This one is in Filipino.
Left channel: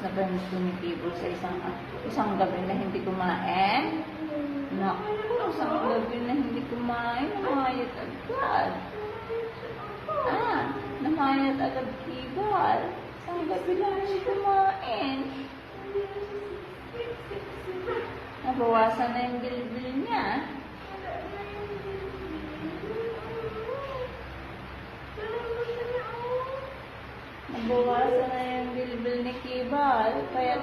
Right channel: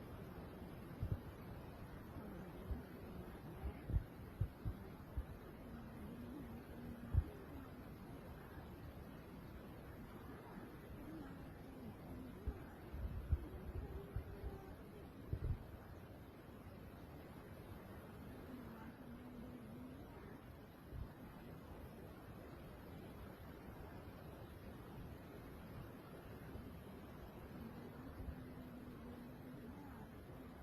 na ba yung gusto ni Kibble sa isang gabi na hindi kumain? Naku, isang gabi na hindi kumain, namayat agad. Namayat agad Kibble. Isang gabi lang hindi kumain. Nabawasan na yung bilbil niya. Nabawasan na yung bilbil ni Kibble. Kaya